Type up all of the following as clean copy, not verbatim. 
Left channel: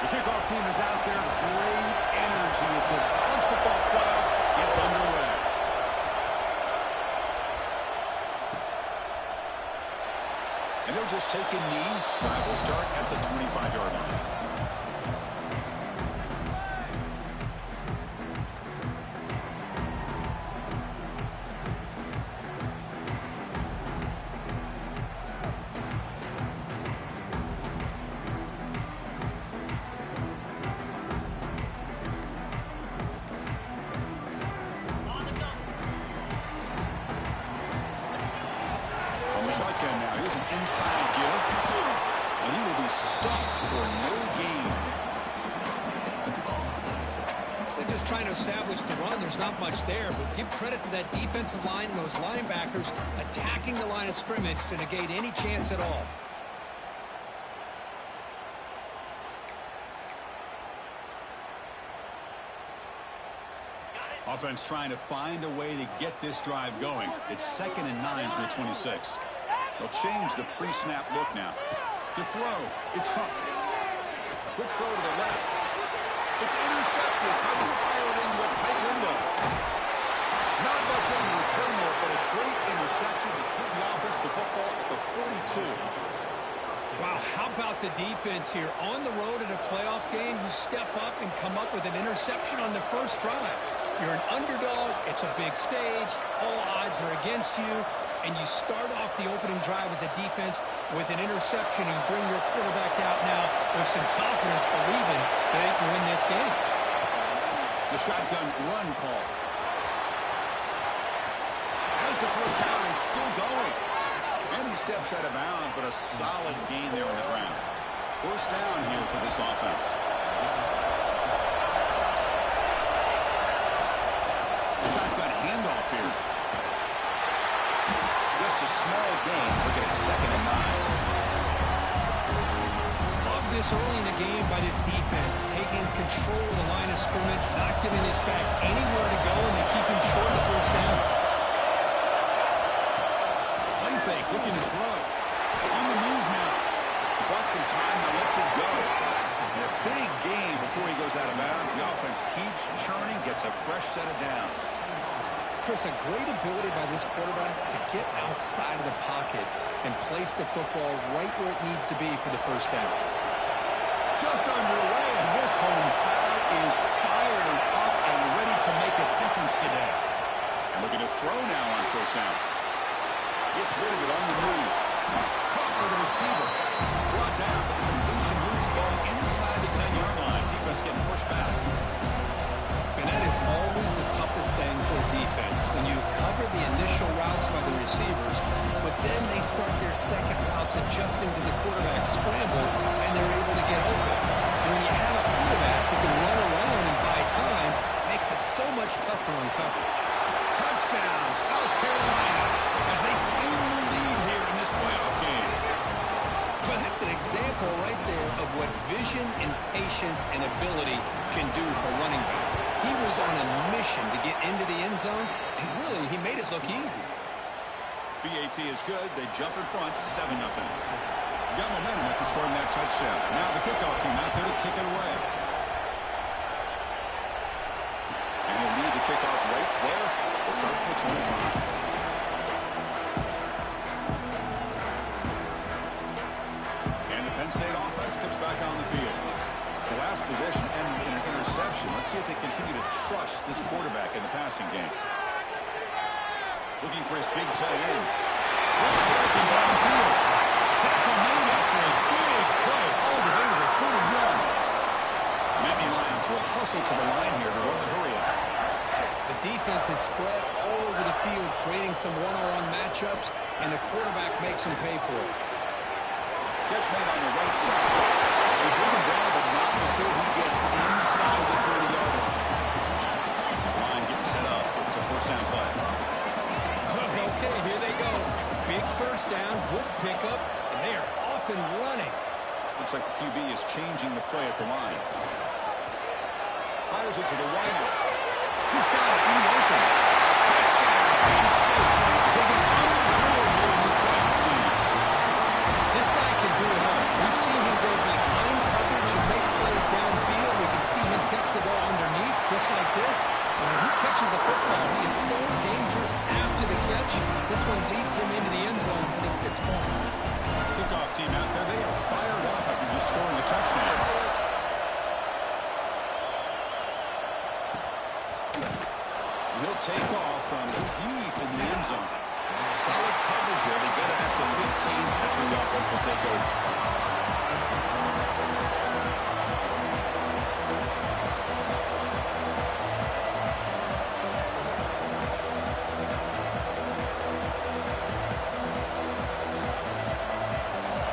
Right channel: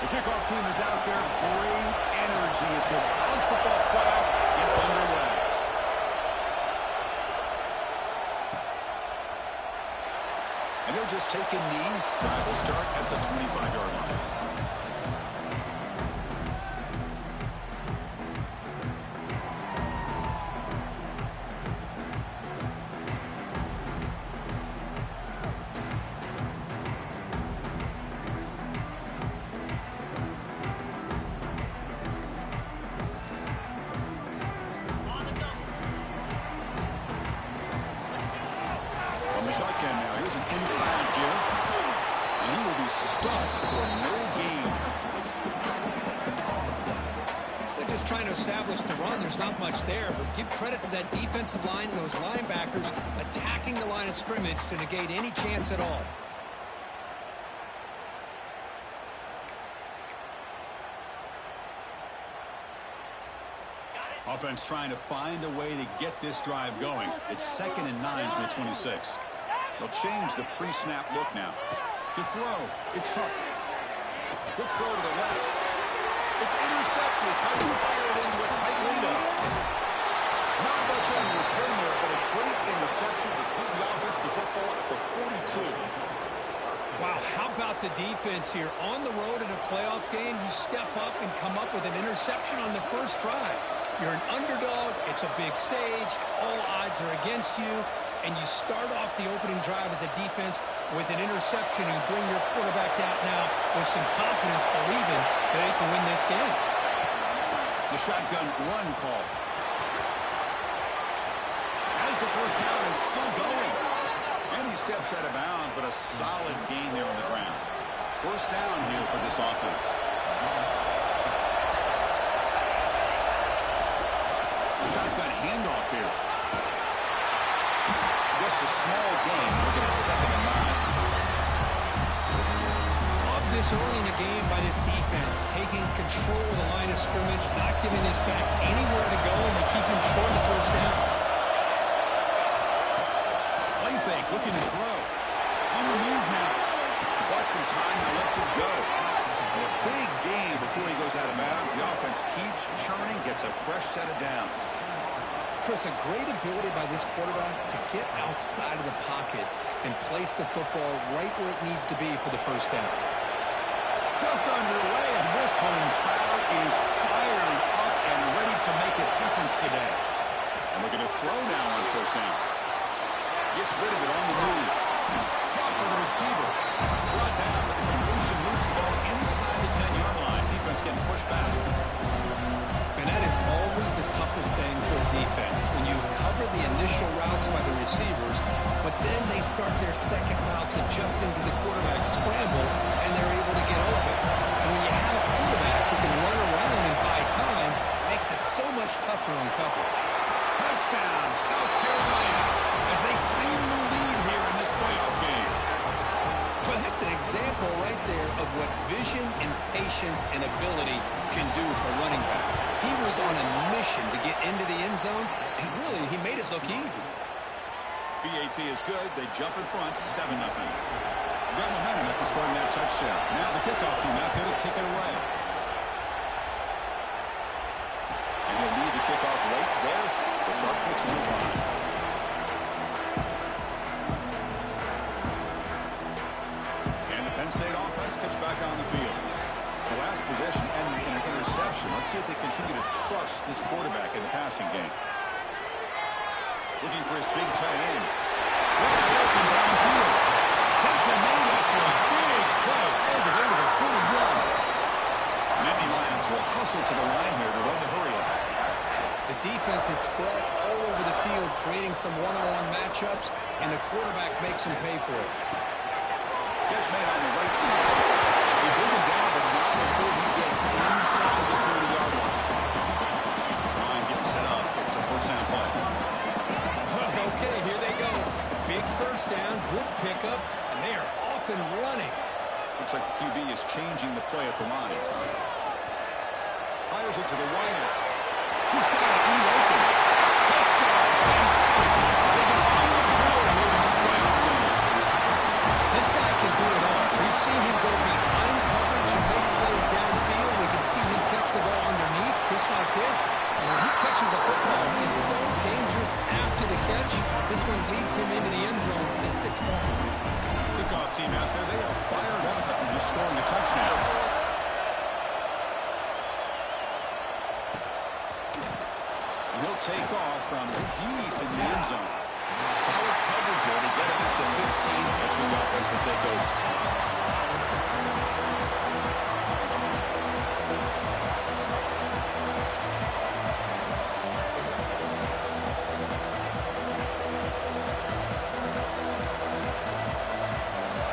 The kickoff team is out there. Great energy as this college football playoff gets underway. And they'll just take a knee. Drive will start at the 25-yard line. On the shotgun now, here's an inside give, and he will be stuffed for no gain. They're just trying to establish the run. There's not much there, but give credit to that defensive line and those linebackers attacking the line of scrimmage to negate any chance at all. Offense trying to find a way to get this drive going. It's 2nd and 9 from the 26. They'll change the pre-snap look now. To throw, it's Huck. Quick throw to the left. It's intercepted. Trying to fire it into a tight window. Not much on return there, but a great interception to give the offense the football at the 42. Wow, how about the defense here? On the road in a playoff game, you step up and come up with an interception on the first drive. You're an underdog. It's a big stage. All odds are against you. And you start off the opening drive as a defense with an interception. And you bring your quarterback out now with some confidence, believing that they can win this game. It's a shotgun run call. As the first down is still going. And he steps out of bounds, but a solid gain there on the ground. First down here for this offense. Shotgun handoff here. Just a small gain. Looking at 2nd and 9. Love this early in the game by this defense, taking control of the line of scrimmage, not giving this back anywhere to go, and they keep him short of the first down. Play fake, looking to throw. On the move now. Bought some time, now lets it go. And a big gain before he goes out of bounds. The offense keeps churning, gets a fresh set of downs. Chris, a great ability by this quarterback to get outside of the pocket and place the football right where it needs to be for the first down. Just underway, and this home crowd is fired up and ready to make a difference today. And looking to throw now on first down. Gets rid of it on the move. Caught by the receiver. Brought down, but the completion moves the ball inside the 10-yard line. Defense getting pushed back. And that is always the toughest thing for a defense, when you cover the initial routes by the receivers, but then they start their second routes adjusting to the quarterback scramble, and they're able to get open. And when you have a quarterback who can run around and buy time, it makes it so much tougher on coverage. Touchdown, South Carolina, as they claim the lead here in this playoff game. Well, that's an example right there of what vision and patience and ability can do for a running back. He was on a mission to get into the end zone, and really, he made it look easy. BAT is good. They jump in front, 7-0. Got momentum after scoring that touchdown. Now the kickoff team out there to kick it away. And he'll lead the kickoff right there. We'll start with the 25. Penn State offense comes back on the field. The last possession ended in an interception. Let's see if they continue to trust this quarterback in the passing game. Looking for his big tight end. Wide open downfield. Tackle made after a big play all the way to the 41. Nittany Lions will hustle to the line here to run the hurry up. The defense is spread all over the field, creating some one-on-one matchups, and the quarterback makes them pay for it. Catch made on the right side. They bring him down, but not before he gets inside the 30-yard line. This line getting set up. It's a first down play. Okay, here they go. Big first down, good pickup, and they are off and running. Looks like the QB is changing the play at the line. Fires it to the wideout. He's got it in the open. Touchdown, Penn State, as they get on the board here in this playoff game. This guy can do it all. We've seen him go behind coverage should make plays downfield. We can see him catch the ball underneath, just like this. And when he catches a football, he is so dangerous after the catch. This one leads him into the end zone for the 6 points. Kickoff team out there, they are fired up after just scoring a touchdown. He'll take off from deep in the end zone. Solid coverage there. They get him at the 15. That's where the offense will take over.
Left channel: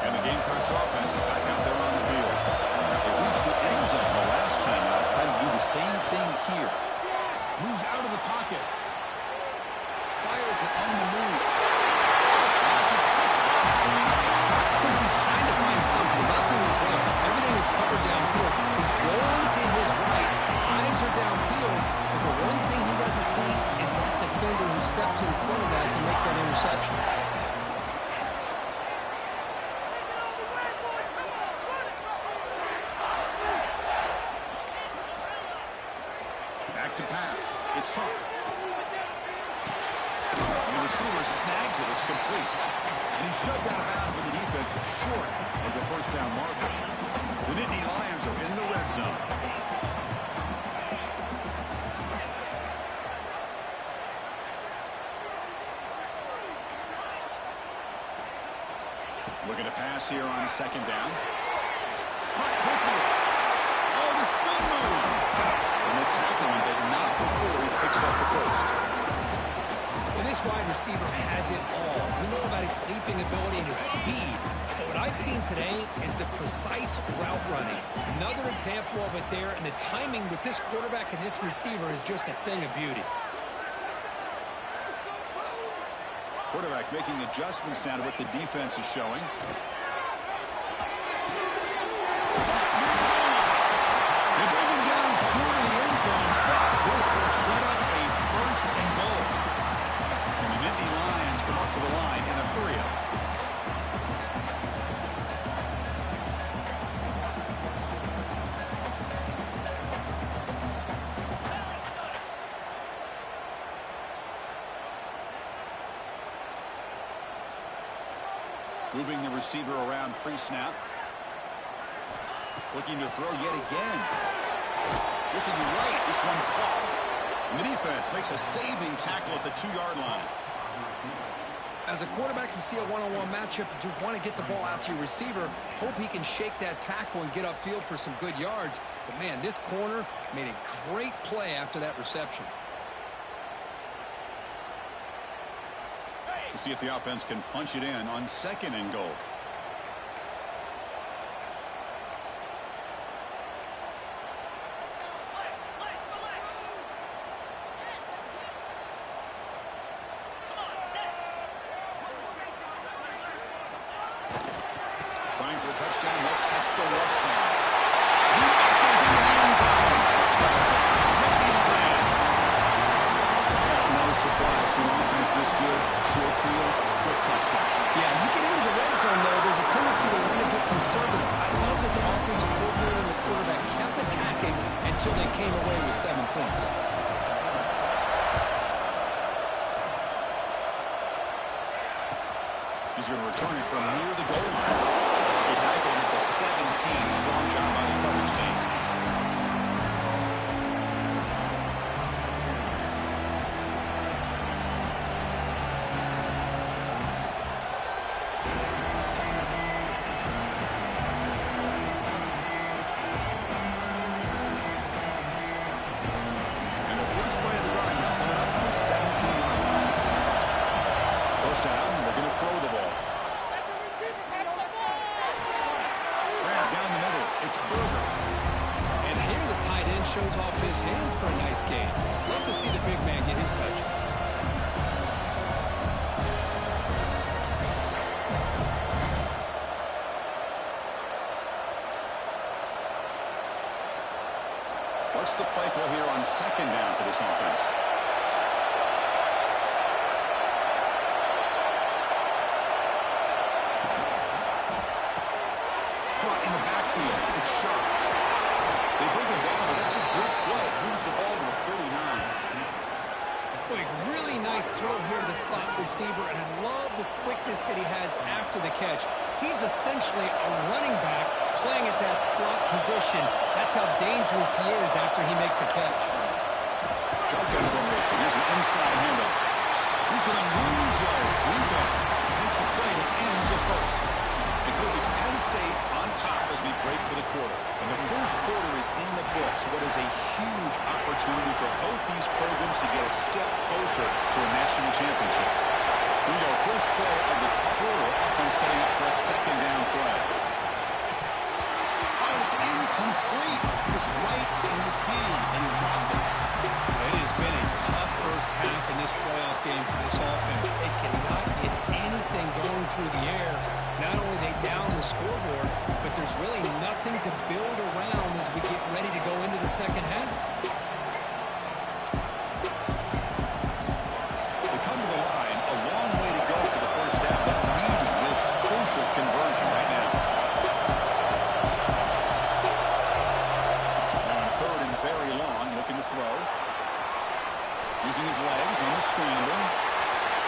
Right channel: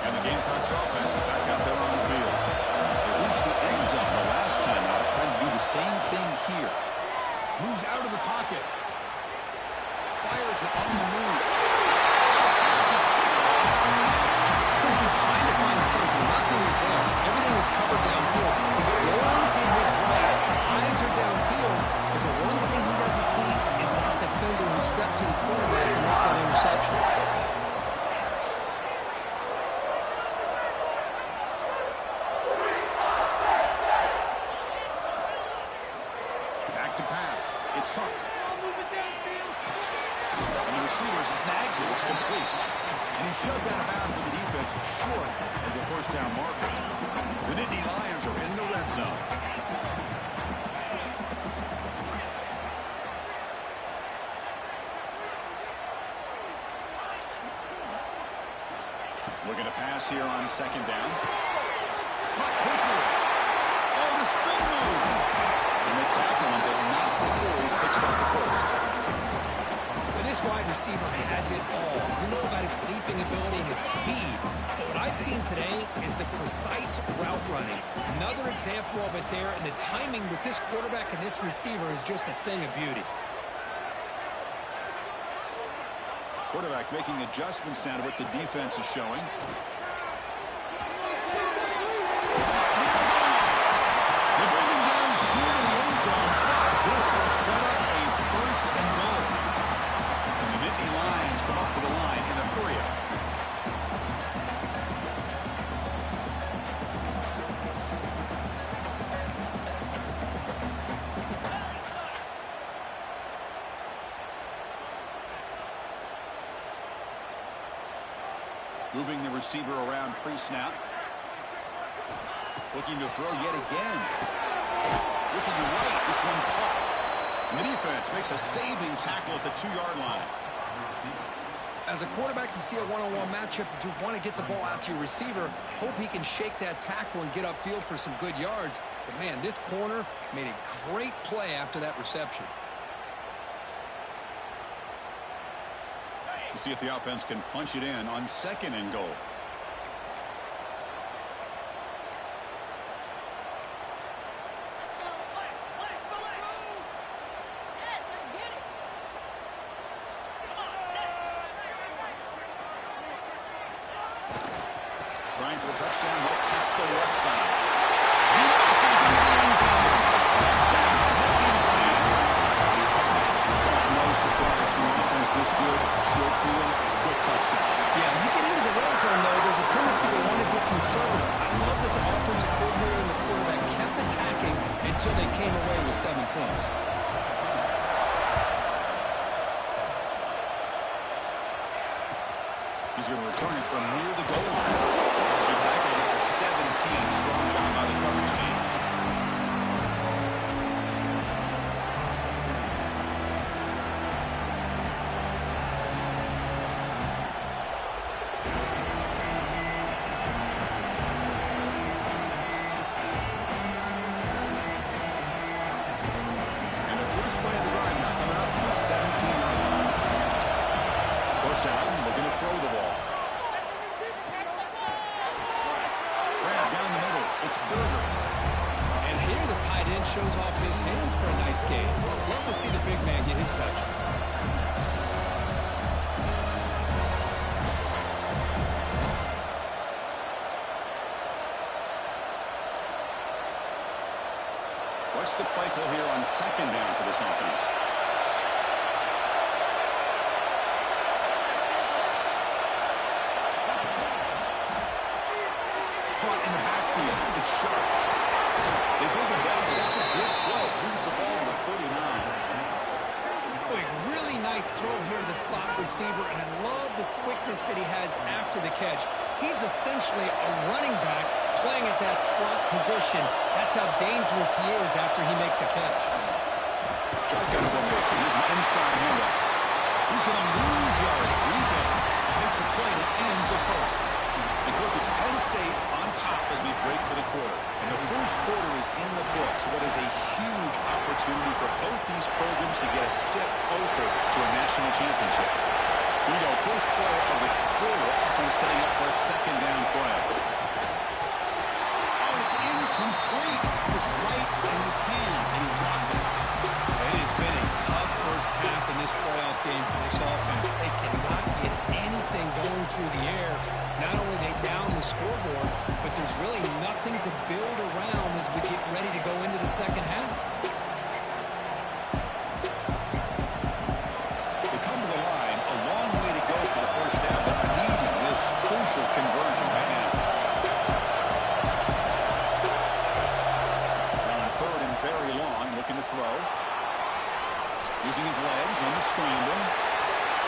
And the Gamecocks offense is back out there on the field. They reached the end zone the last time out, trying to do the same thing here. Moves out of the pocket. Fires it on the move. The pass is picked off. Chris, he's trying to find something. Nothing is there. Everything is covered downfield. He's rolling to his right. Eyes are downfield. But the one thing he doesn't see is that defender who steps in front of that to make that interception. Back to pass. It's Huck. And the receiver snags it. It's complete. And he's shoved out of bounds with the defense short of the first down marker. The Nittany Lions are in the red zone. Looking to pass here on second down. Caught quickly. Oh, the spin move. And the tackle him, but not before he picks up the first. Well, this wide receiver has it all. We know about his leaping ability and his speed. But what I've seen today is the precise route running. Another example of it there, and the timing with this quarterback and this receiver is just a thing of beauty. Quarterback making adjustments now to what the defense is showing. They bring him down short of the end zone, but this will set up a first and goal. And the Nittany Lions come up to the line in a hurry-up. Moving the receiver around pre-snap. Looking to throw yet again. Looking right. This one caught. And the defense makes a saving tackle at the 2-yard line. As a quarterback, you see a one-on-one matchup. You want to get the ball out to your receiver. Hope he can shake that tackle and get upfield for some good yards. But, man, this corner made a great play after that reception. We'll see if the offense can punch it in on second and goal. Trying for the touchdown. They'll test the left side. He muscles into the end zone. Touchdown, Nittany Lions. No surprise from offense this good. Short field, quick touchdown. Yeah, you get into the red zone, though, there's a tendency to want to get conservative. I love that the offensive coordinator and the quarterback kept attacking until they came away with 7 points. He's going to return it from near the goal line. He tackled him at the 17. Strong job by the coverage team. And the first play of the drive now coming up from the 17-yard line. First down, we're going to throw the ball. Grab down the middle. It's Berger. And here the tight end shows off his hands for a nice game. Love to see the big man get his touches. What's the play call here on second down for this offense? Caught in the backfield. field. It's sharp. They bring him down, but that's a good play. Moves the ball to the 39. Big, really nice throw here to the slot receiver, and I love the quickness that he has after the catch. He's essentially a running back playing at that slot position. That's how dangerous he is after he makes a catch. Shotgun formation. Here's an inside handoff. He's going to lose yards. Defense makes a play to end the first. And Cook, it's Penn State on top as we break for the quarter. And the first quarter is in the books. What is a huge opportunity for both these programs to get a step closer to a national championship. Here we go. First play of the quarter. Offense setting up for a second down play. Oh, it's incomplete. It's right in his hands, and he dropped it. It has been a tough first half in this playoff game for this offense. They cannot get anything going through the air. Not only they down the scoreboard, but there's really nothing to build around as we get ready to go into the second half. They come to the line, a long way to go for the first down, but needing this crucial conversion right now. Now on third and very long, looking to throw. Using his legs on the scramble.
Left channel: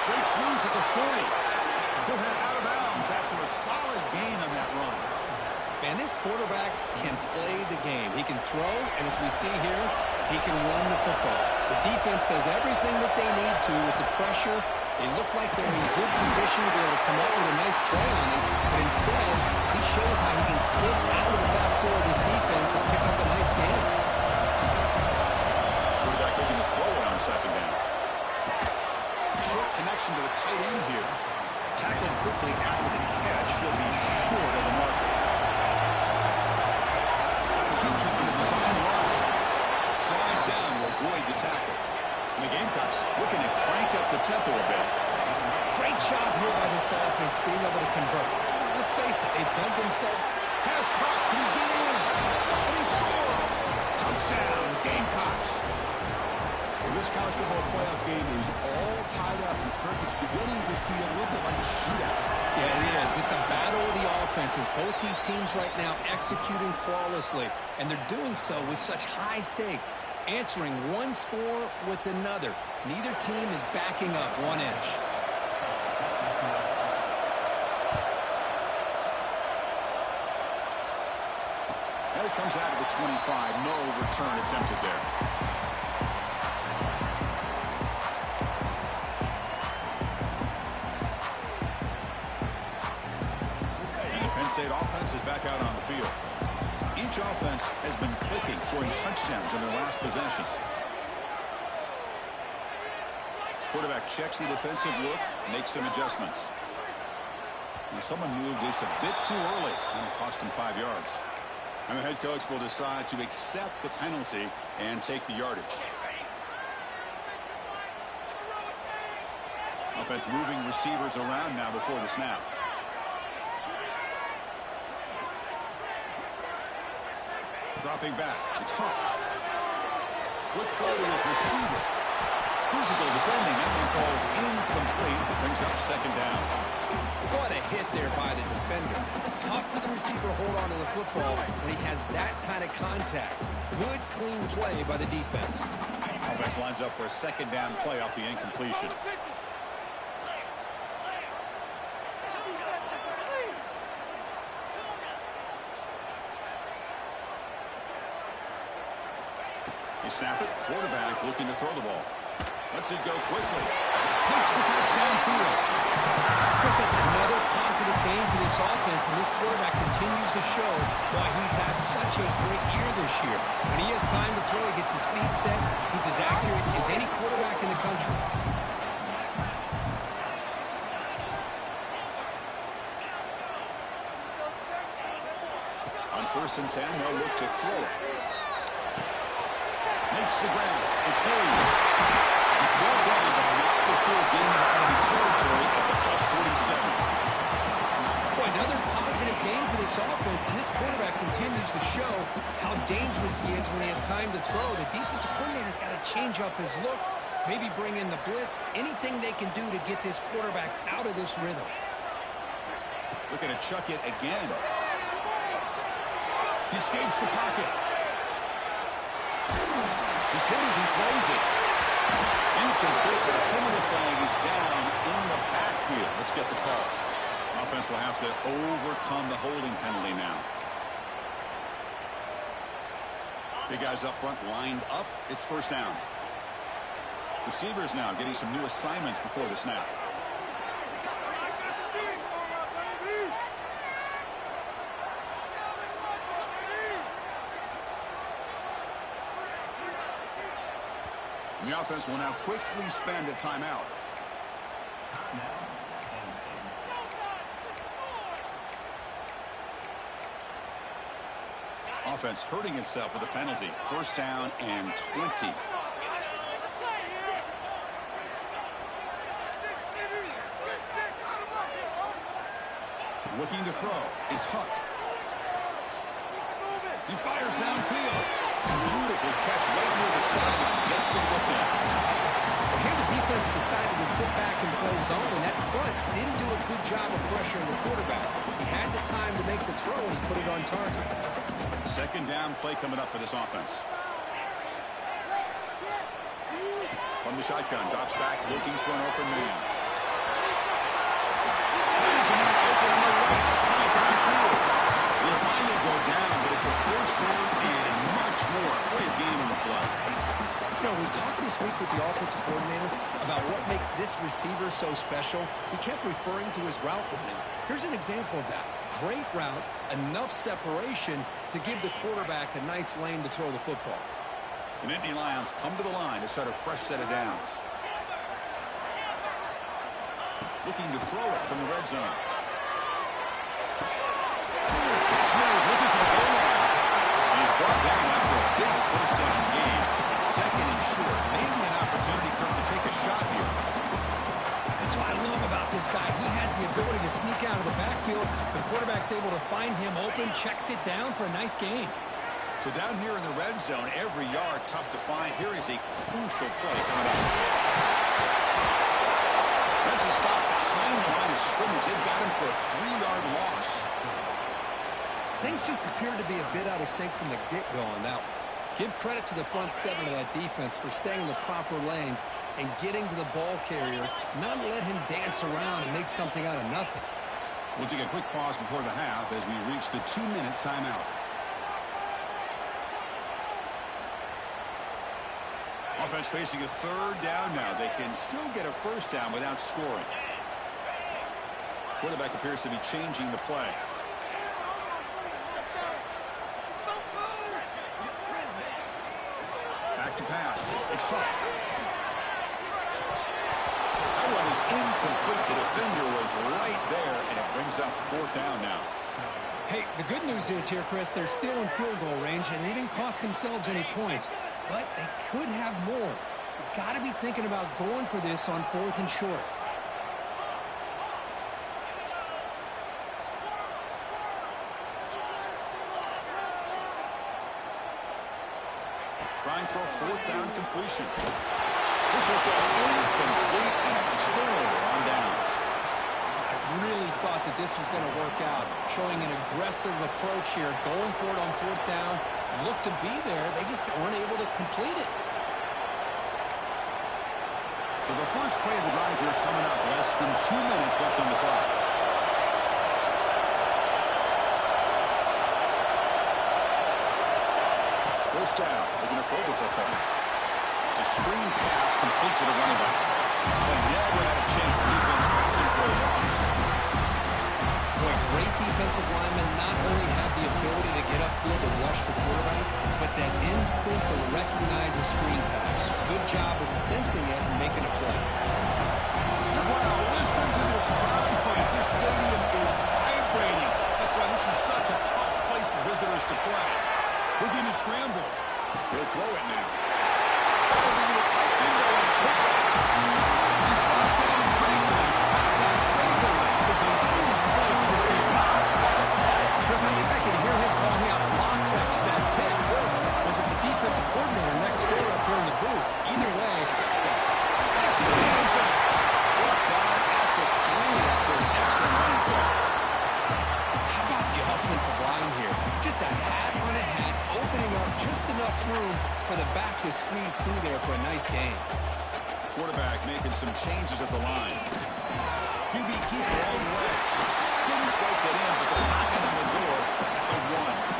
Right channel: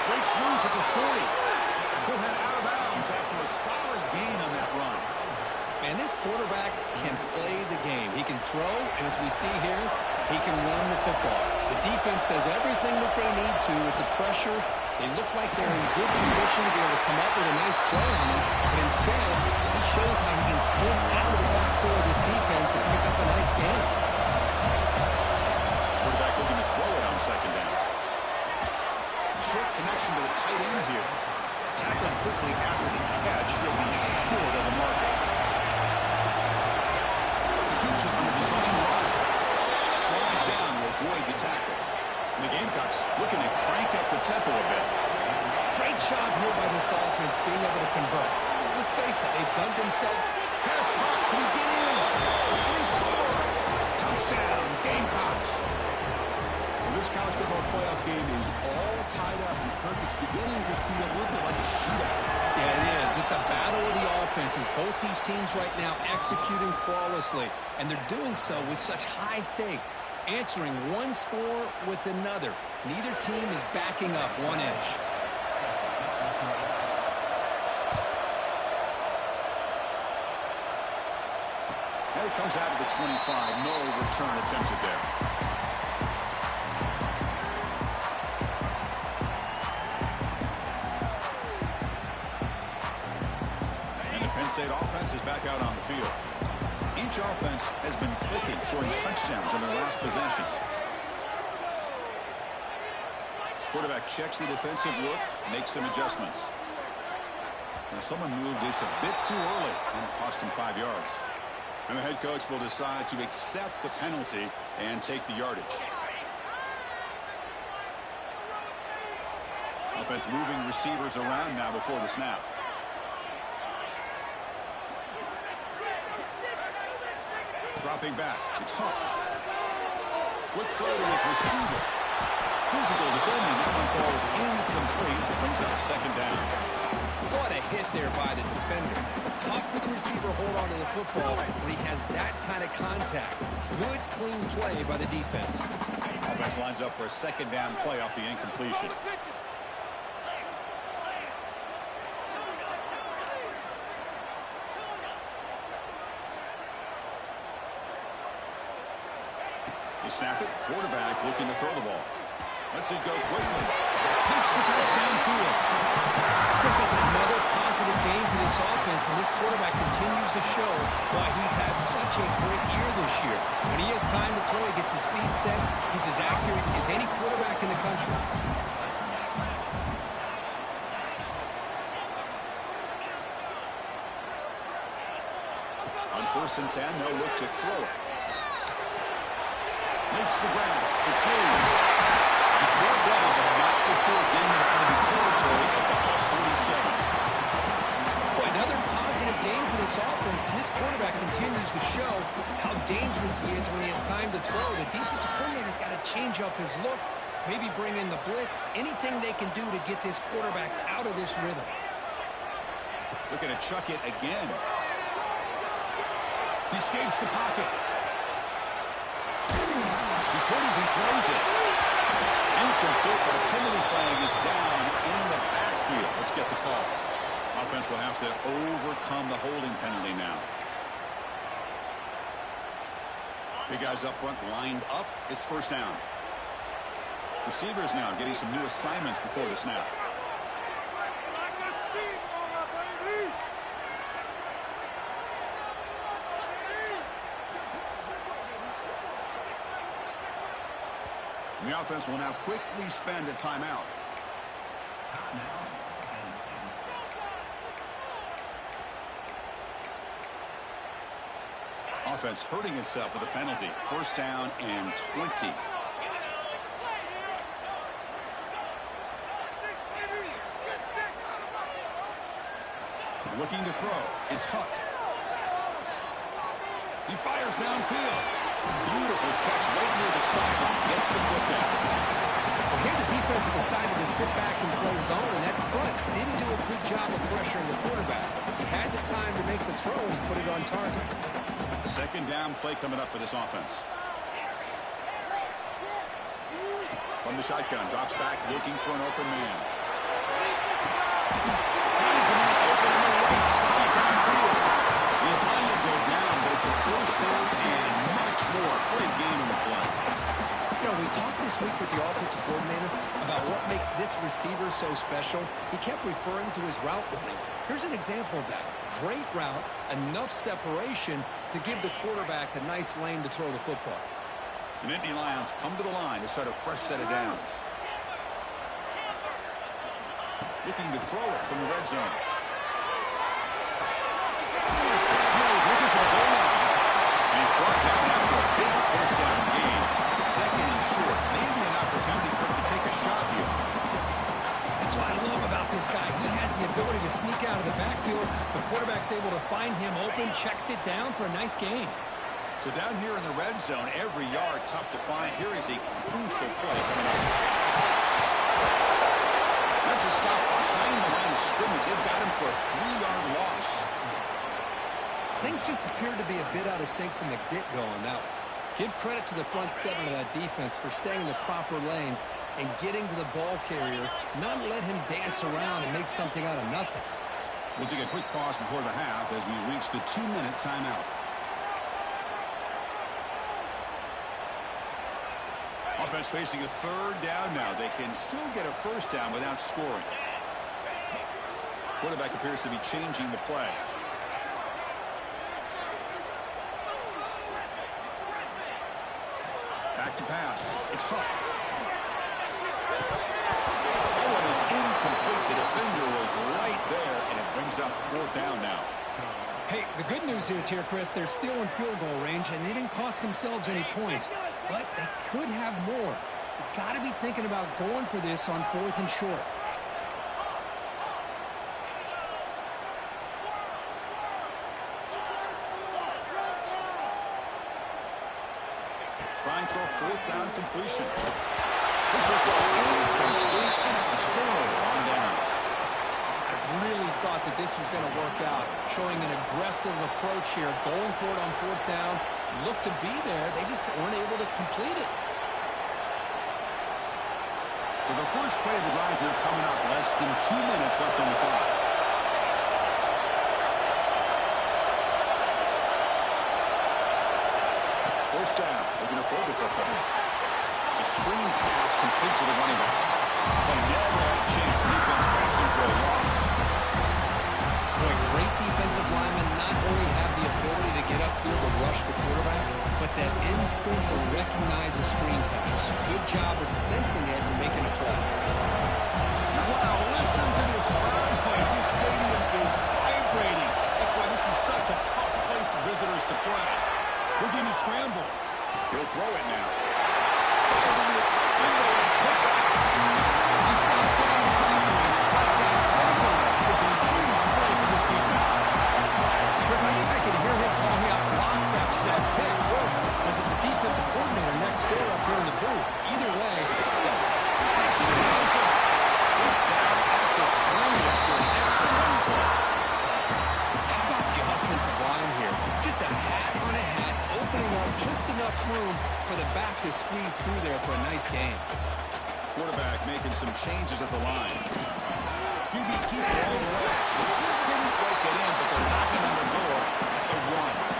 Breaks loose at the 40. He'll head out of bounds after a solid gain on that run. Man, this quarterback can play the game. He can throw, and as we see here, he can run the football. The defense does everything that they need to with the pressure. They look like they're in good position to be able to come up with a nice play on them, but instead, he shows how he can slip out of the back door of this defense and pick up a nice gain. Quarterback looking to throw it on second down. Short connection to the tight end here. Tackled quickly after the catch. He'll be short of the marker. Keeps it on the design line. Slides down to avoid the tackle. And the Gamecocks looking to crank up the tempo a bit. Great job here by this offense being able to convert. Let's face it, they've done themselves. Pass caught. Can he get in? And he scores. Touchdown, Gamecocks. Well, this college football playoff game is all tied up. And Kirk, it's beginning to feel a little bit like a shootout. Yeah, it is. It's a battle of the offenses. Both these teams right now executing flawlessly. And they're doing so with such high stakes. Answering one score with another. Neither team is backing up 1 inch. And it comes out of the 25. No return attempted there. And the Penn State offense is back out on the field. Each offense has been clicking, scoring touchdowns in their last possessions. Quarterback checks the defensive look, makes some adjustments. Now someone moved just a bit too early, and it cost him 5 yards. And the head coach will decide to accept the penalty and take the yardage. Offense moving receivers around now before the snap. Dropping back. It's Huck. Quick throw to his receiver. Physical defending. That one falls incomplete. Brings up second down. What a hit there by the defender. Tough for the receiver to hold on to the football when he has that kind of contact. Good, clean play by the defense. Offense lines up for a second down play off the incompletion. You snap it. Quarterback looking to throw the ball. Lets it go quickly. Makes the catch downfield. Chris, that's another positive game for this offense, and this quarterback continues to show why he's had such a great year this year. When he has time to throw, he gets his feet set. He's as accurate as any quarterback in the country. On 1st and 10, they'll look to throw it. Makes the ground. It's Hayes. He's brought down, but not before getting it out of the territory at the +47. Boy, another positive game for this offense, and this quarterback continues to show how dangerous he is when he has time to throw. The defensive coordinator's got to change up his looks, maybe bring in the blitz, anything they can do to get this quarterback out of this rhythm. Looking to chuck it again. He escapes the pocket. He's hit as he throws it. Incomplete, but a penalty flag is down in the backfield. Let's get the call. Offense will have to overcome the holding penalty now. Big guys up front lined up. It's first down. Receivers now getting some new assignments before the snap. The offense will now quickly spend a timeout. Offense hurting itself with a penalty. First down and 20. Looking to throw. It's Huck. He fires downfield. Beautiful catch right near the sideline. Gets the foot down. Well, here the defense decided to sit back and play zone, and that front didn't do a good job of pressuring the quarterback. He had the time to make the throw, and he put it on target. Second down play coming up for this offense. From the shotgun, drops back looking for an open man. Finds a man open on the right side downfield. Will finally go down, but it's a first down and much more. Great game in the play. You know, we talked this week with the offensive coordinator about what makes this receiver so special. He kept referring to his route running. Here's an example of that. Great route, enough separation to give the quarterback a nice lane to throw the football. The Nittany Lions come to the line to start a fresh set of downs. Looking to throw it from the red zone. Pitch made, looking for the goal line. And he's brought down after a big first down game. Second and short. Maybe an opportunity, Kirk, to take a shot here. That's what I love about this guy. He has the ability to sneak out of the backfield. The quarterback's able to find him open, checks it down for a nice gain. So down here in the red zone, every yard tough to find. Here is a crucial play coming up. That's a stop behind the line of scrimmage. They've got him for a 3-yard loss. Things just appeared to be a bit out of sync from the get-go on that one. Give credit to the front seven of that defense for staying in the proper lanes and getting to the ball carrier, not let him dance around and make something out of nothing. We'll take a quick pause before the half as we reach the 2-minute timeout. Offense facing a third down now. They can still get a first down without scoring. Quarterback appears to be changing the play. Back to pass. It's Huck. That one is incomplete. The defender was right there, and it brings up fourth down now. Hey, the good news is here, Chris, they're still in field goal range, and they didn't cost themselves any points. But they could have more. You got to be thinking about going for this on fourth and short. Trying for a fourth down completion. This will go incomplete and a turnover on downs. I really thought that this was going to work out, showing an aggressive approach here, going for it on fourth down. Looked to be there. They just weren't able to complete it. So the first play of the drive here coming up, less than 2 minutes left on the clock. First down. They're going to throw the football. It's a screen pass complete to the running back. Play never had a chance. Defense grabs him for a loss. Boy, great defensive linemen not only have the ability to get upfield and rush the quarterback, but that instinct to recognize a screen pass. Good job of sensing it and making a play. Wow, listen to this crowd noise. This stadium is vibrating. That's why this is such a tough place for visitors to play. Looking to scramble. He'll throw it now. Firing into a tight window and picked off. He's brought down quickly. Touchdown takeaway. It's a huge play for this defense. Chris, I think I can hear him calling out blocks after that pick. Or was it the defensive coordinator next door up here in the booth? Either way. It's open. Down at the 3 after an excellent running play. How about the offensive line here? Just a hat on a hat, opening up just enough room for the back to squeeze through there for a nice gain. Quarterback making some changes at the line. QB keeper all the way. Couldn't quite get in, but they're knocking on the door at the 1.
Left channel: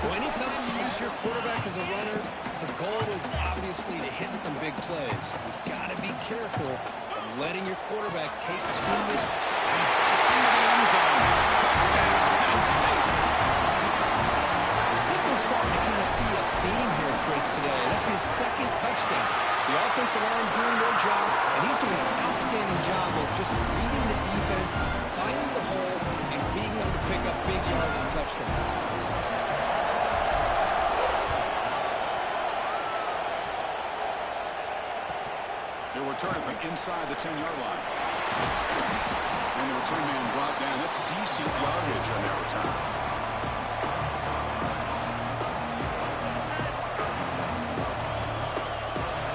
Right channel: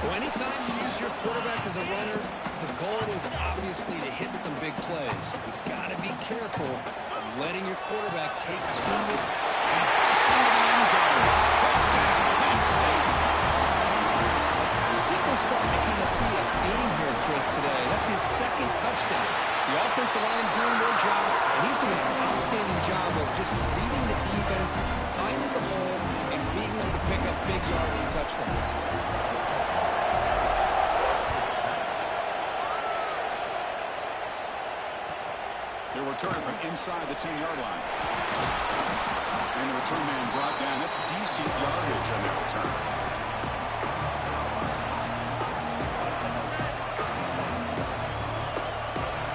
Well, anytime you use your quarterback as a runner, the goal is obviously to hit some big plays. You've got to be careful of letting your quarterback take too many. And passing to the end zone. Touchdown, Penn State. I think we're starting to kind of see a theme here, Chris, today. That's his second touchdown. The offensive line doing their job, and he's doing an outstanding job of just reading the defense, finding the hole, and being able to pick up big yards and touchdowns. They're returning from inside the 10-yard line. And the return man brought down. That's decent yardage on that return.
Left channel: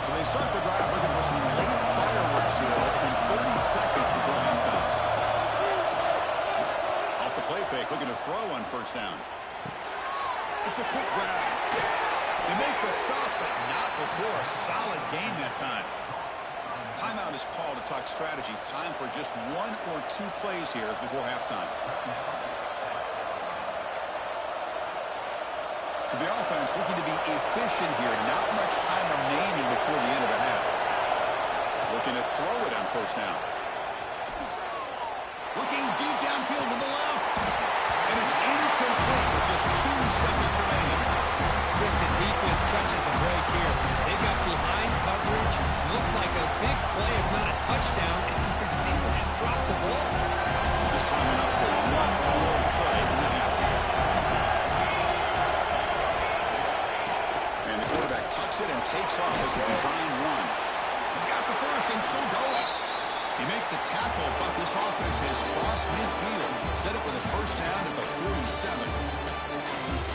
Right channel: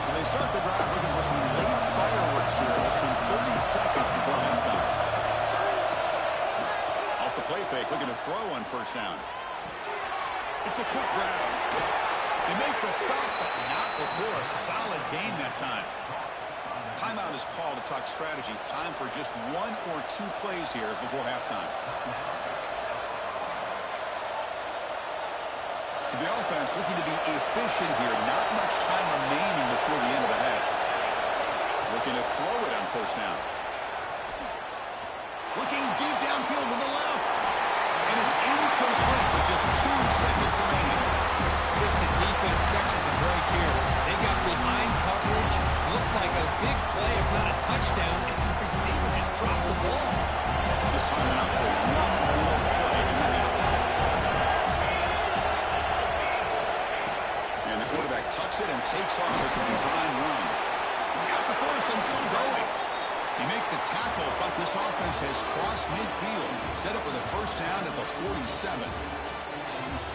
So they start the drive looking for some late fireworks here. Less than 30 seconds before halftime. Off the play fake, looking to throw on first down. It's a quick grab. They make the stop, but not before a solid gain that time. Timeout is called to talk strategy. Time for just 1 or 2 plays here before halftime. So the offense looking to be efficient here. Not much time remaining before the end of the half. Looking to throw it on first down. Looking deep downfield to the left. And it's incomplete with just 2 seconds remaining. Chris, the defense catches a break here. They got behind coverage. Looked like a big play, if not a touchdown, and the receiver just dropped the ball. Just timing up for 1 more play in the half. And the quarterback tucks it and takes off as a design run. He's got the first and still going. He make the tackle, but this offense has crossed midfield. Set up with a first down at the 47.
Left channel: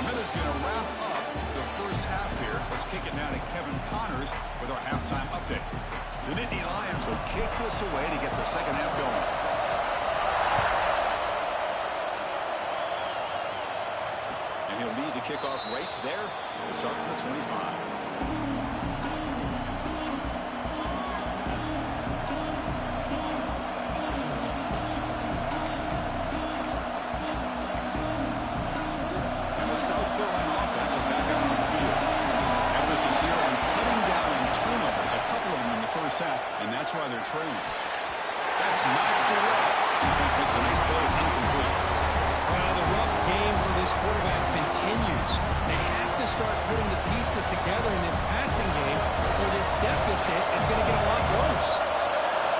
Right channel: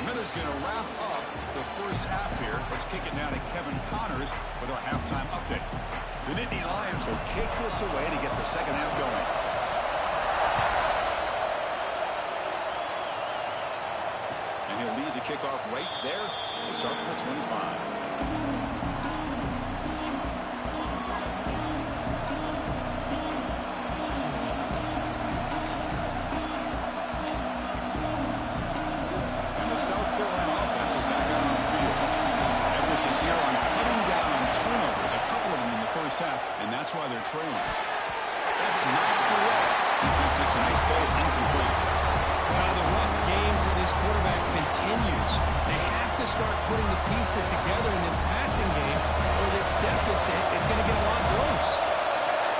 Miller's going to wrap up the first half here. Let's kick it now to Kevin Connors with our halftime update. The Nittany Lions will kick this away to get the second half going. And he'll lead the kickoff right there to start from the 25. And that's why they're trailing. That's knocked away. Defense makes a nice play. It's incomplete. Well, the rough game for this quarterback continues. They have to start putting the pieces together in this passing game, or this deficit is going to get a lot worse.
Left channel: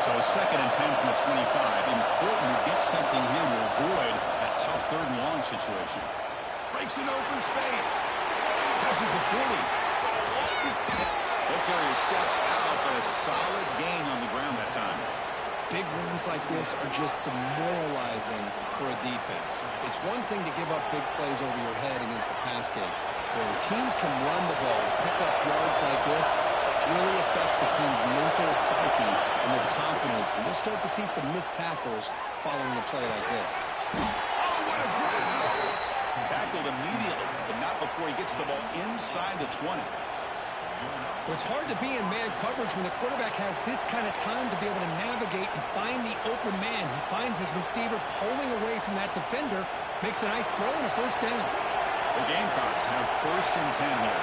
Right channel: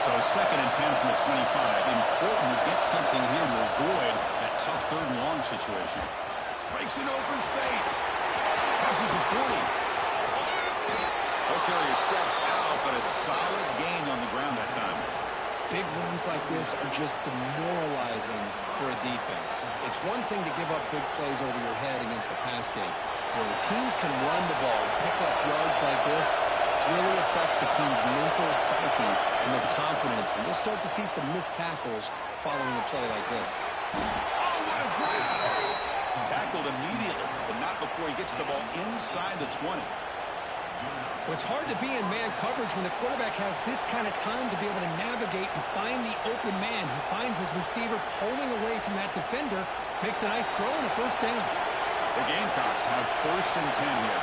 So 2nd and 10 from the 25. Important to get something here to avoid that tough 3rd and long situation. Breaks in open space. Passes the 40. Carrier steps out, but a solid gain on the ground that time. Big runs like this are just demoralizing for a defense. It's one thing to give up big plays over your head against the pass game. When teams can run the ball, pick up yards like this, really affects the team's mental psyche and their confidence. And you'll start to see some missed tackles following a play like this. Oh, what a grab! Tackled immediately, but not before he gets the ball inside the 20. Well, it's hard to be in man coverage when the quarterback has this kind of time to be able to navigate and find the open man. He finds his receiver pulling away from that defender, makes a nice throw and a first down. The Gamecocks have 1st and 10 here.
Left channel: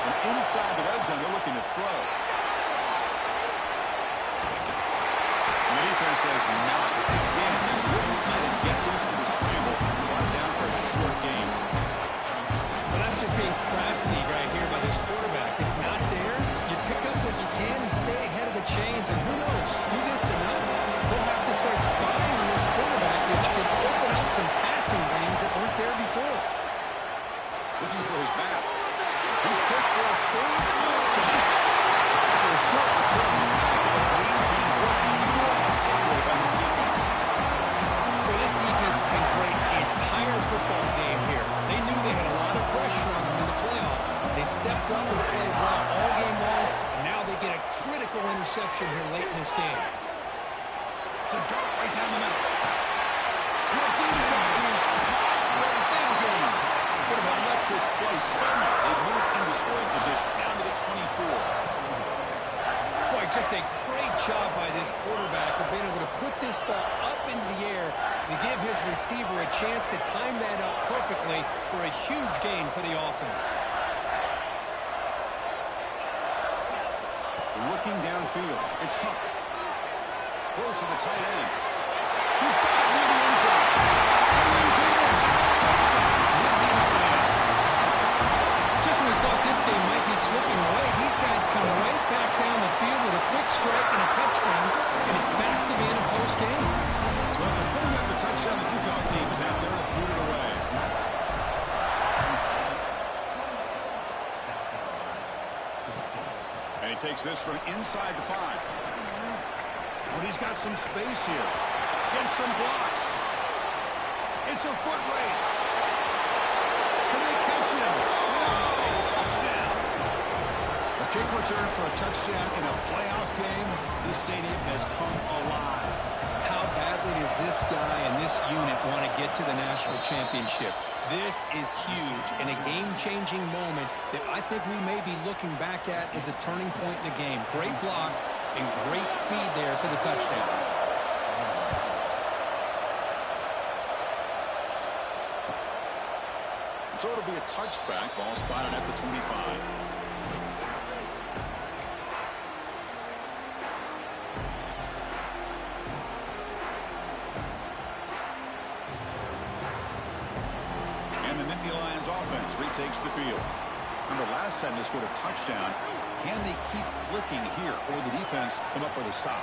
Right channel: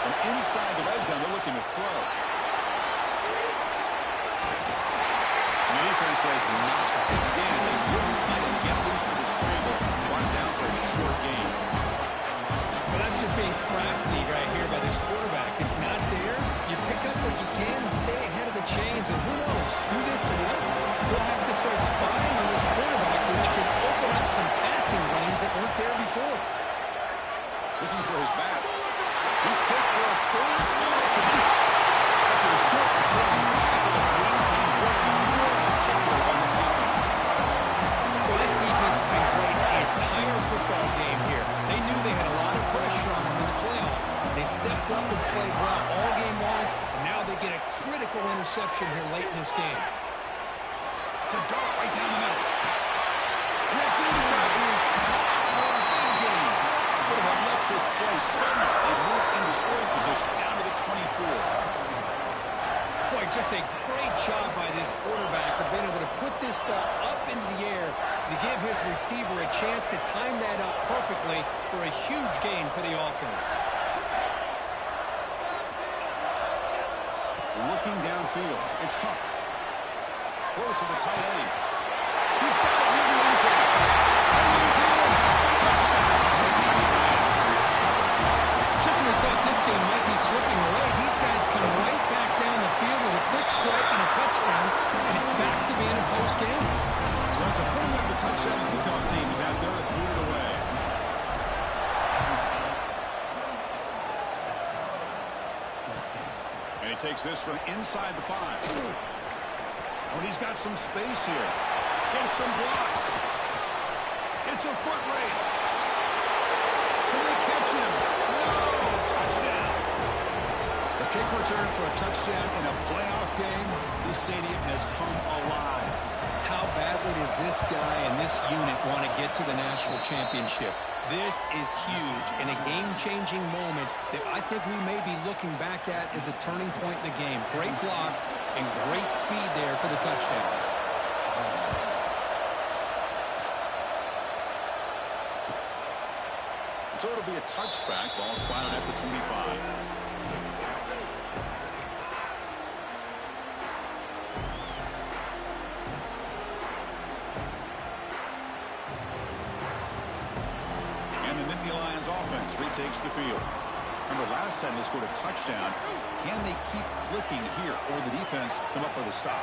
From inside the red zone, they're looking to throw. And the defense says not again. They wouldn't let him get loose for the scramble. Brought it down for a short gain. Well, that's just being crafty right here by this quarterback. It's not there. You pick up what you can and stay ahead of the chains. And who knows, do this enough, we'll have to start spying on this quarterback, which can open up some passing lanes that weren't there before. Looking for his bat. He's picked for a 3rd time tonight. After a short return, he's tackled a game team. What an enormous takeaway by this defense. Well, this defense has been great the entire football game here. They knew they had a lot of pressure on them in the playoff. They stepped up and played well all game long, and now they get a critical interception here late in this game. It's a dart right down the middle. That deep shot is caught for a big gain. What an electric play. Suddenly, they move into scoring position down to the 24. Boy, just a great job by this quarterback of being able to put this ball up into the air to give his receiver a chance to time that up perfectly for a huge gain for the offense. Looking downfield, it's Huck. Close to the tight end. He's got it near the end zone. And he's in. Touchdown. Just when we thought this game might be slipping away, these guys come right back down the field with a quick strike and a touchdown, and it's back to being a close game. So after putting up the touchdown, the kickoff team is out there to boot it away. And he takes this from inside the 5. Oh, and he's got some space here. Gets some blocks. It's a foot race. Can they catch him? No! Touchdown. A kick return for a touchdown in a playoff game. This stadium has come alive. How badly does this guy and this unit want to get to the national championship? This is huge and a game-changing moment that I think we may be looking back at as a turning point in the game. Great blocks and great speed there for the touchdown. So it'll be a touchback. Ball spotted at the 25. And the Nittany Lions offense retakes the field. Remember, last time they scored a touchdown. Can they keep clicking here, or the defense come up with a stop?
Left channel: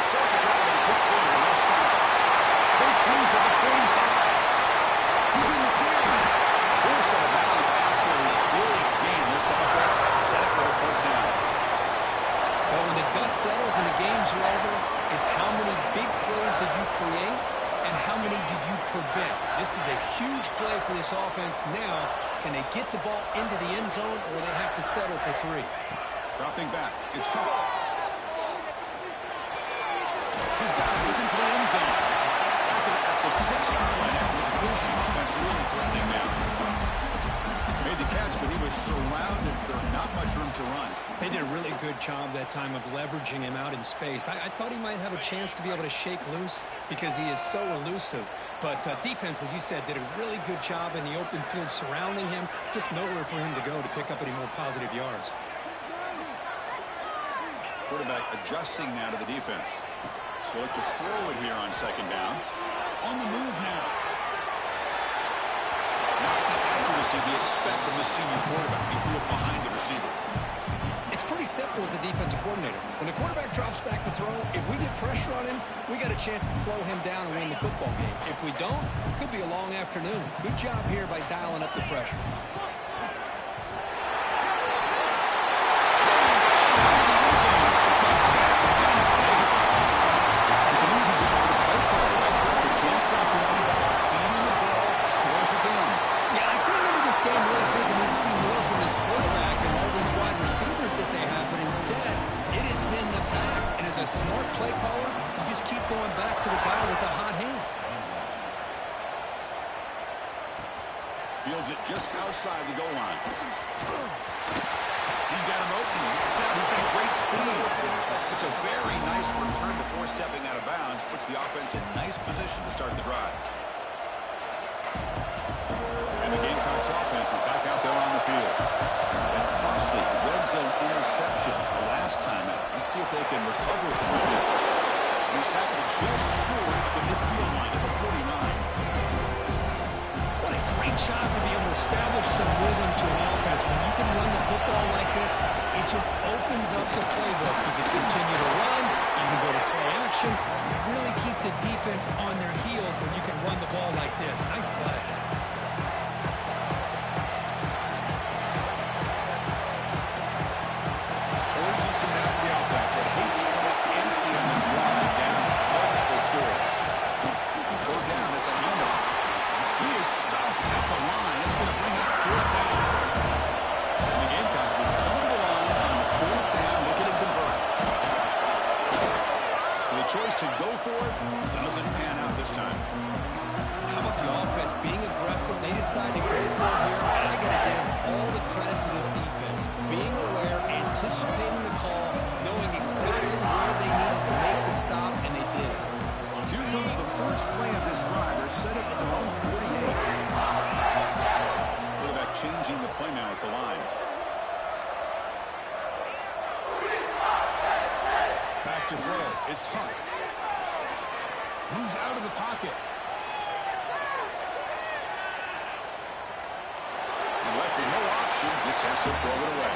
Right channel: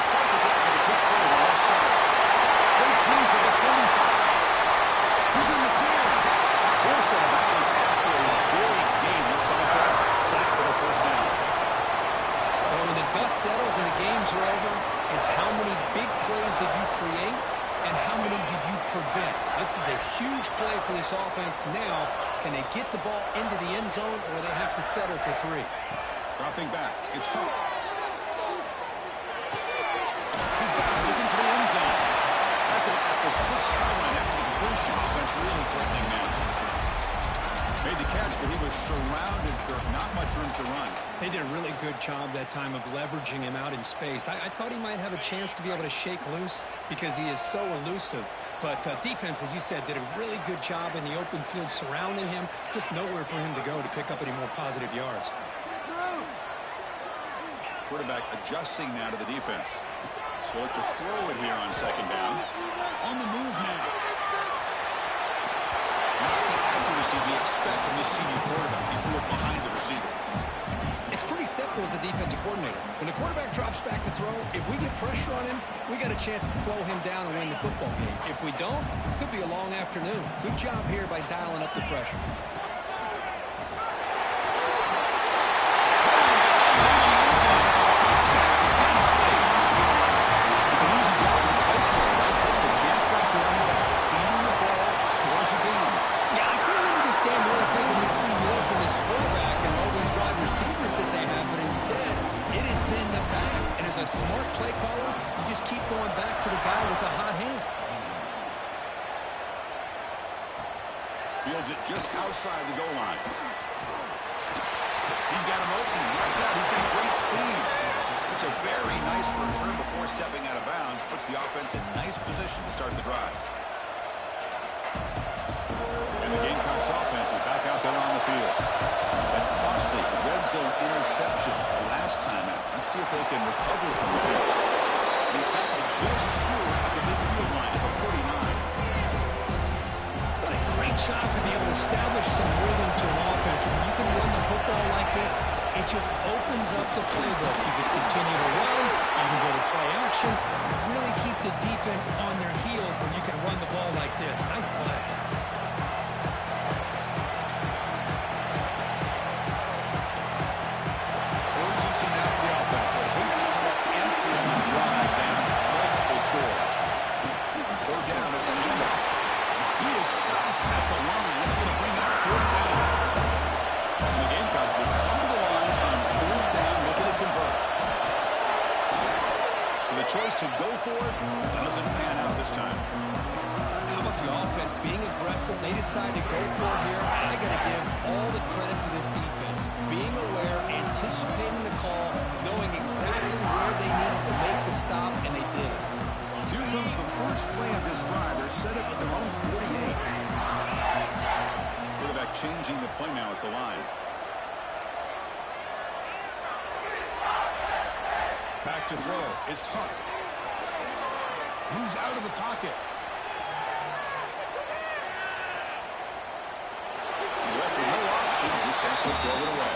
Start the drive with a quick throw to the left side. Breaks loose at the 45. He's in the clear. Forced out of bounds after a big gain. This offense set up for the first down. Well, when the dust settles and the games are over, it's how many big plays did you create and how many did you prevent. This is a huge play for this offense. Now, can they get the ball into the end zone, or they have to settle for 3? Dropping back. It's Huck. He's got it, looking for the end zone. At the 6-yard line after the completion. Offense really threatening now. Made the catch, but he was surrounded for not much room to run. They did a really good job that time of leveraging him out in space. I thought he might have a chance to be able to shake loose because he is so elusive. But defense, as you said, did a really good job in the open field surrounding him. Just nowhere for him to go to pick up any more positive yards. Quarterback adjusting now to the defense. He'll look to throw it here on second down. On the move now. Not the accuracy we expect from this senior quarterback. He threw it behind the receiver. It's pretty simple as a defensive coordinator. When the quarterback drops back to throw, if we get pressure on him, we got a chance to slow him down and win the football game. If we don't, it could be a long afternoon. Good job here by dialing up the pressure. Touchdown, Penn State. It's an easy job for the play caller, right? They can't stop the running back. Feeding the ball, scores again. Yeah, I came into this game really thinking we'd see more from this quarterback and all these wide receivers that they have, but instead, it has been the back. And as a smart play caller, you just keep going back to the guy with the hot hand. Fields it just outside the goal line. He's got him open. Watch out. He's got great speed. It's a very nice return before stepping out of bounds. Puts the offense in nice position to start the drive. And the Gamecocks offense is back out there on the field. That costly red zone interception the last time out. Let's see if they can recover from it here. He's tackled just short of the midfield line at the 49. What a great job to be able to establish some rhythm to an offense. When you can run the football like this, it just opens up the playbook. You can continue to run. You can go to play action. You really keep the defense on their heels when you can run the ball like this. Nice play. Urgency now for the offense. They hate to come up empty on this drive down multiple scores. Third down, it's a handoff. He is stuffed at the line. It's going to bring up 4th down. And the Gamecocks will come to the line on choice to go for it doesn't pan out this time. How about the offense being aggressive? They decide to go for it here, and I got to give all the credit to this defense. Being aware, anticipating the call, knowing exactly where they needed to make the stop, and they did it. Here comes the first play of this drive. They're set up at their own 48. Quarterback changing the play now at the line. Back to throw. It's Huck. Moves out of the pocket. He left with no option. Just has to throw it away.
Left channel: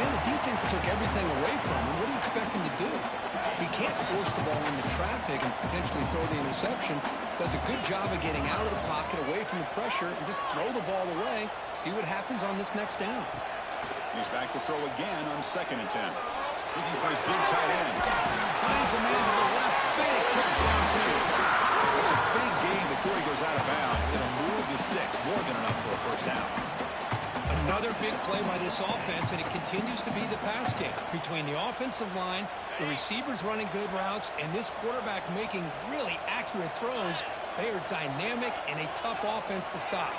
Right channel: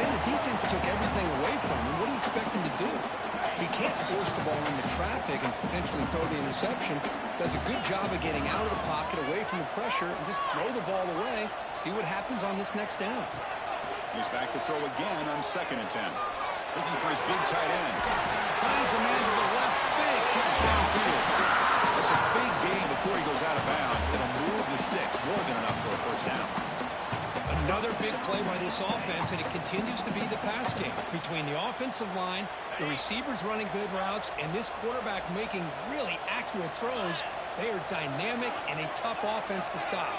Man, the defense took everything away from him. What do you expect him to do? He can't force the ball into traffic and potentially throw the interception. Does a good job of getting out of the pocket, away from the pressure, and just throw the ball away. See what happens on this next down. He's back to throw again on 2nd and 10. Looking for his big tight end. Finds a man to the left. Big catch downfield. It's a big gain before he goes out of bounds. It'll move the sticks. More than enough for a first down. Another big play by this offense, and it continues to be the pass game. Between the offensive line, the receivers running good routes, and this quarterback making really accurate throws, they are dynamic and a tough offense to stop.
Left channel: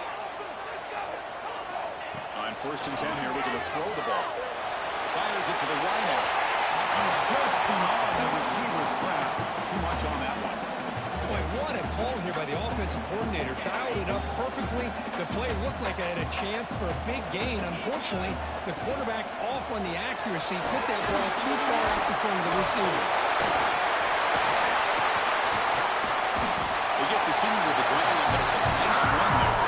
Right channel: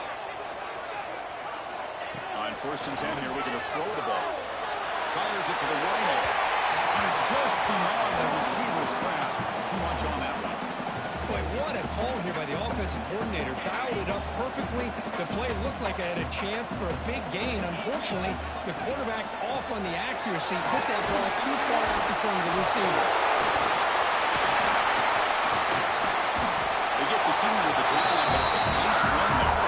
On 1st and 10 here, we're going to throw the ball. Fires it to the right. And it's just beyond the receiver's grasp. Too much on that one. Boy, what a call here by the offensive coordinator. Dialed it up perfectly. The play looked like it had a chance for a big gain. Unfortunately, the quarterback off on the accuracy, put that ball too far out in front of the receiver. They get the senior to the ground, but it's a nice run there.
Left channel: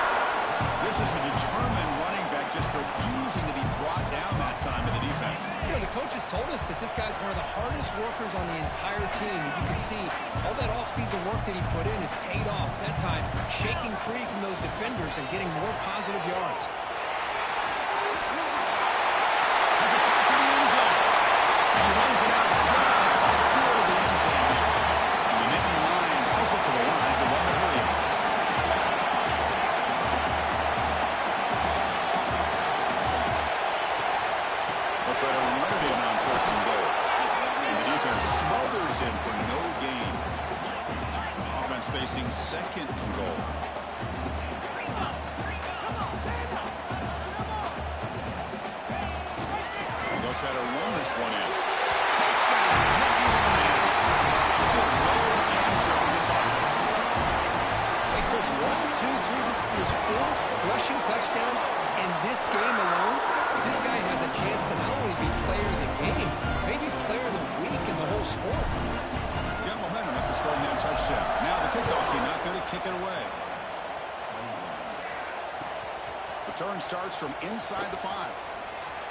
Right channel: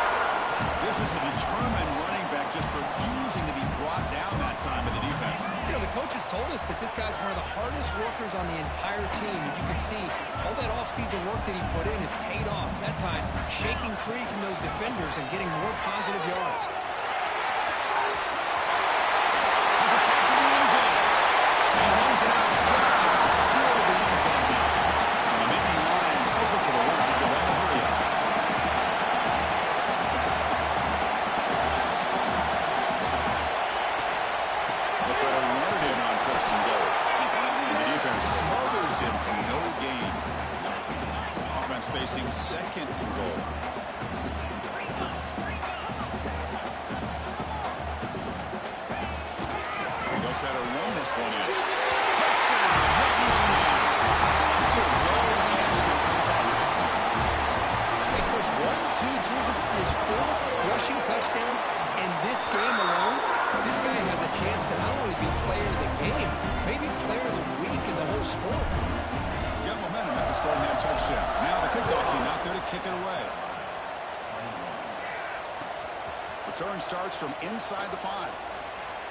This is a determined running back just refusing to be brought down that time by the defense. You know, the coaches told us that this guy's one of the hardest workers on the entire team. And you can see all that offseason work that he put in has paid off. That time, shaking free from those defenders and getting more positive yards. Has it back to the end zone. He runs it out just short of the end zone. And the Nittany Lions hustle to the line to run the hurry up. Try to run it in on 1st and goal. And the defense smothers him for no gain. Offense facing 2nd and goal. They'll try to run this one in. Touchdown, Nittany Lions. Still no answer for this offense. Wait, Chris, 1, 2, 3. This is his 4th rushing touchdown in this game alone. This guy has a chance to not only be player of the game, maybe player of the week in the whole sport. Got momentum after scoring that touchdown. Now the kickoff team out there to kick it away. Return starts from inside the 5.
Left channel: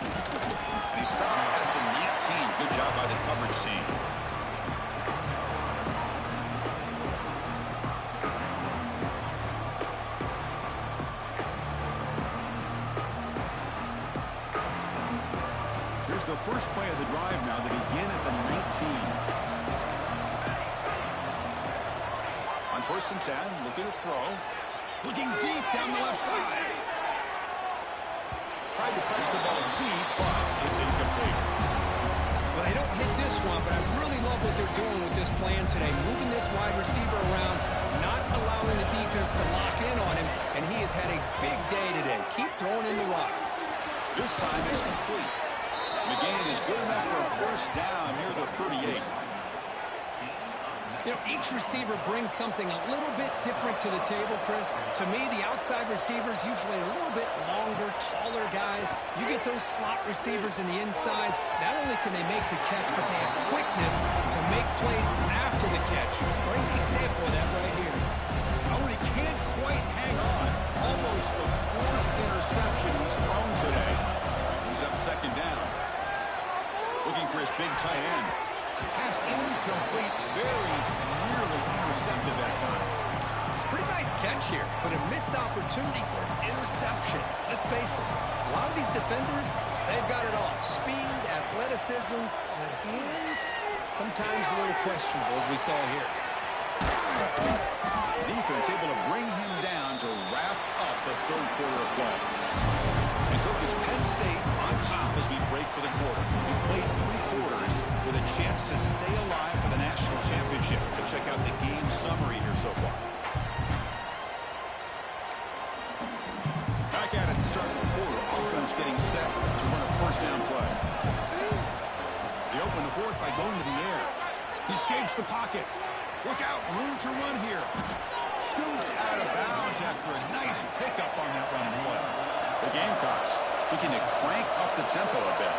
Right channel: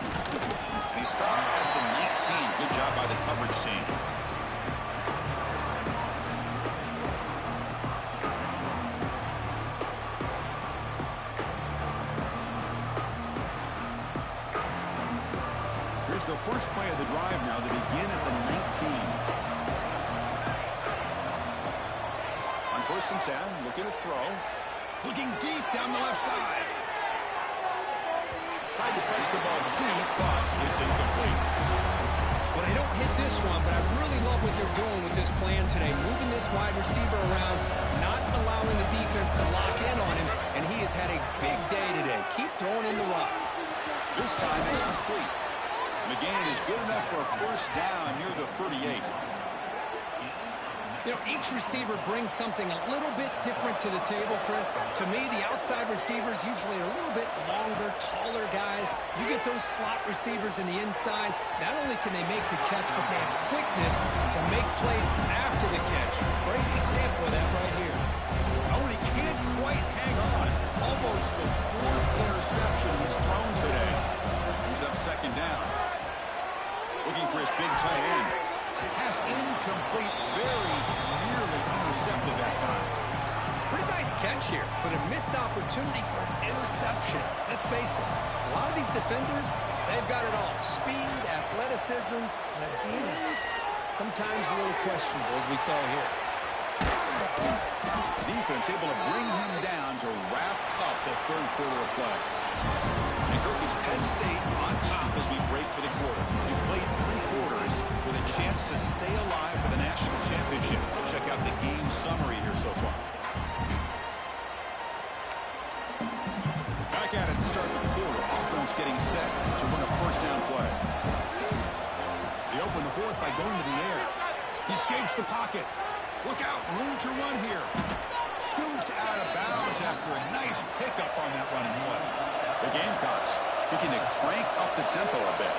And he stopped at the 19. Good job by the coverage team. Here's the first play of the drive now. They begin at the 19. On 1st and 10, looking to throw. Looking deep down the left side. Tried to press the ball deep, but it's incomplete. Well, they don't hit this one, but I really love what they're doing with this plan today. Moving this wide receiver around, not allowing the defense to lock in on him, and he has had a big day today. Keep throwing in the rock. This time it's complete. McGain is good enough for a first down near the 38. You know, each receiver brings something a little bit different to the table, Chris. To me, the outside receivers usually are a little bit longer, taller guys. You get those slot receivers in the inside, not only can they make the catch, but they have quickness to make plays after the catch. Great example of that right here. Oh, and he can't quite hang on. Almost the 4th interception he's thrown today. He's up 2nd down. Looking for his big tight end. Pass incomplete, very nearly intercepted that time. Pretty nice catch here, but a missed opportunity for an interception. Let's face it, a lot of these defenders, they've got it all. Speed, athleticism, but hands, sometimes a little questionable, as we saw here. Defense able to bring him down to wrap up the 3rd quarter of play. And Kirk, it's Penn State on top as we break for the quarter. We played 3 quarters with a chance to stay alive for the national championship. Let's check out the game summary here so far. Back at it to start the quarter. Offense getting set to run a first down play. They open the fourth by going to the air. He escapes the pocket. Look out, room to run here. Scoots out of bounds after a nice pickup on that running play. The Gamecocks looking to crank up the tempo a bit.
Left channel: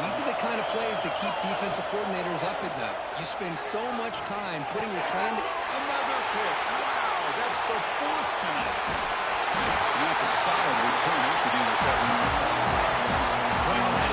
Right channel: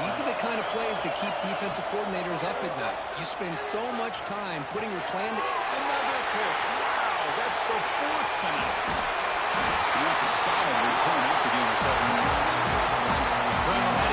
These are the kind of plays that keep defensive coordinators up at night. You spend so much time putting your plan to... Another pick. Wow, that's the fourth tonight. And that's a solid return after the interception. Well,